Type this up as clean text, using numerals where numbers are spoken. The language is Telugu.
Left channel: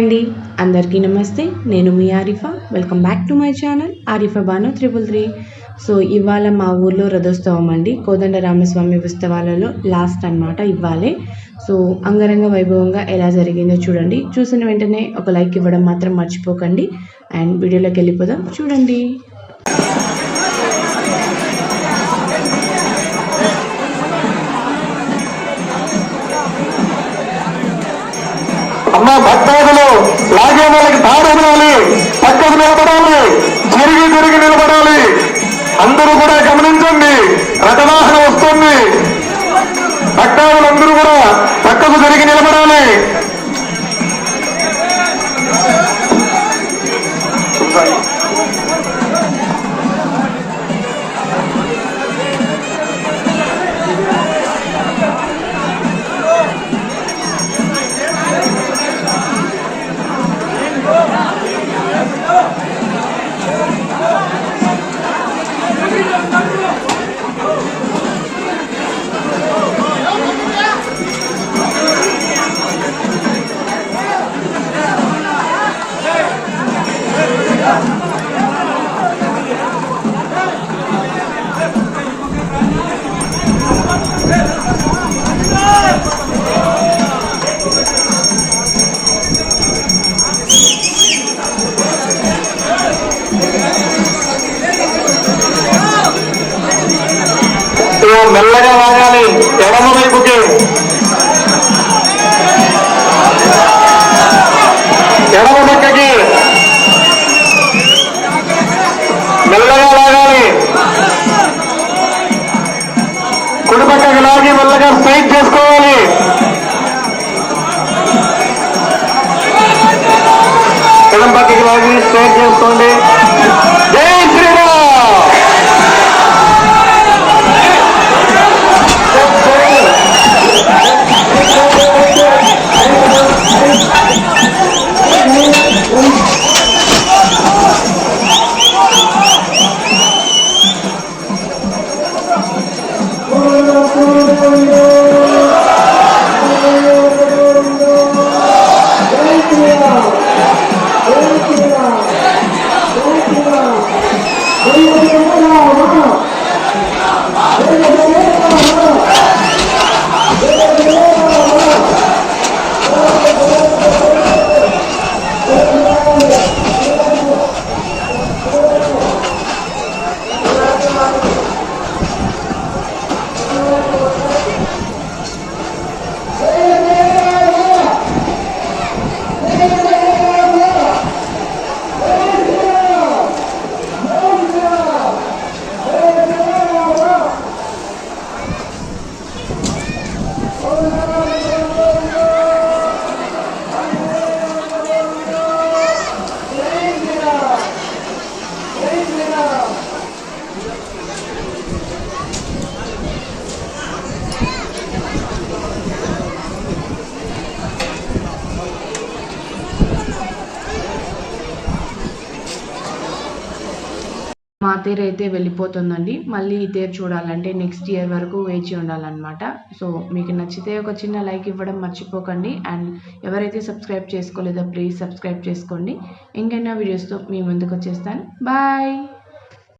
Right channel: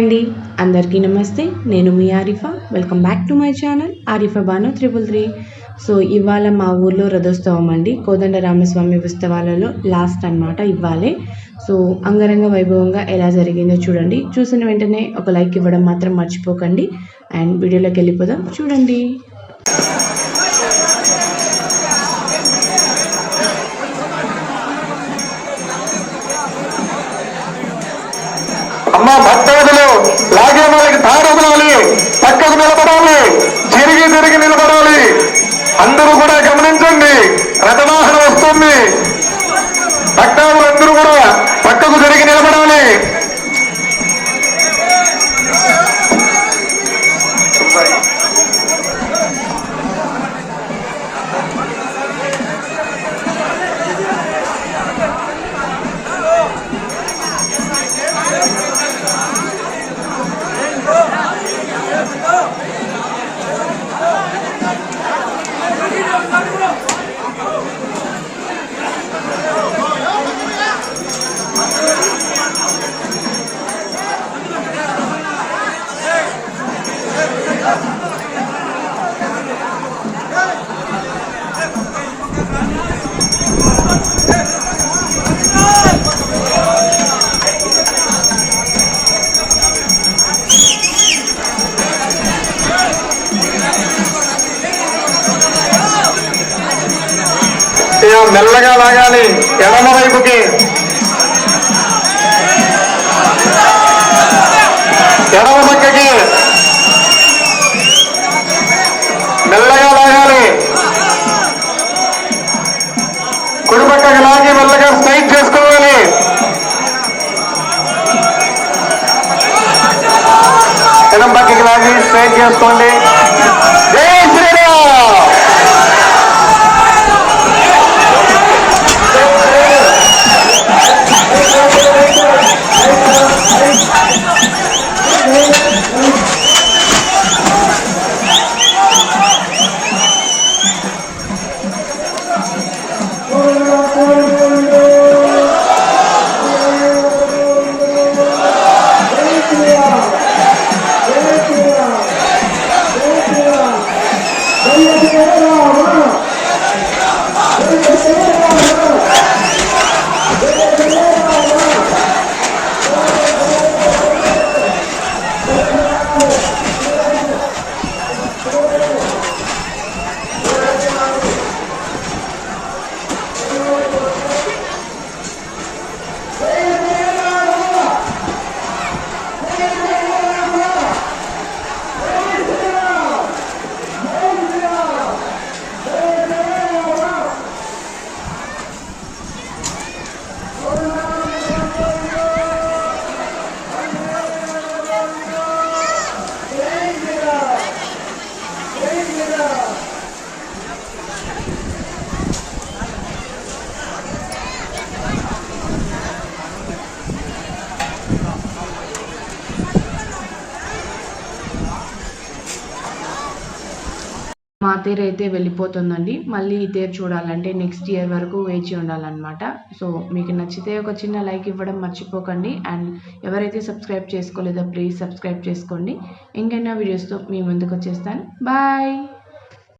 అండి అందరికీ నమస్తే. నేను మీ Arifa. Welcome back to my channel Arifa Banu 333. So ఇవాళ మా ఊర్లో రథోత్సవం అండి. కోదండ రామస్వామి ఉత్సవాలలో లాస్ట్ అన్నమాట ఇవ్వాలే. సో అంగరంగ వైభవంగా ఎలా జరిగిందో చూడండి. చూసిన వెంటనే ఒక లైక్ ఇవ్వడం మాత్రం మర్చిపోకండి. అండ్ వీడియోలోకి వెళ్ళిపోదాం, చూడండి. అమ్మ భక్తాదులు లాగే వాళ్ళకి తాడొదలాలి, పక్కకు నిలబడాలి, తిరిగి నిలబడాలి. అందరూ కూడా గమనించండి, రథవాహనం వస్తుంది. భక్తాదులందరూ కూడా పక్కకు తిరిగి నిలబడాలి. మెల్లగా లాగాలి ఎడమ వైపుకి. ఎడమ పక్కకి మెల్లగా లాగాలి. కుడి పక్కకి లాగి మెల్లగా స్ట్రైట్ చేసుకోవాలి. ఎడమ పక్కకి లాగి స్ట్రైట్ చేసుకోండి. జై శ్రీరామ్. మా తేరు అయితే వెళ్ళిపోతుందండి. మళ్ళీ ఈ తేరు చూడాలంటే నెక్స్ట్ ఇయర్ వరకు వేచి ఉండాలన్నమాట. సో మీకు నచ్చితే ఒక చిన్న లైక్ ఇవ్వడం మర్చిపోకండి. అండ్ ఎవరైతే సబ్స్క్రైబ్ చేసుకోలేదో ప్లీజ్ సబ్స్క్రైబ్ చేసుకోండి. ఇంకైనా వీడియోస్తో మీ ముందుకు వచ్చేస్తాను. బాయ్.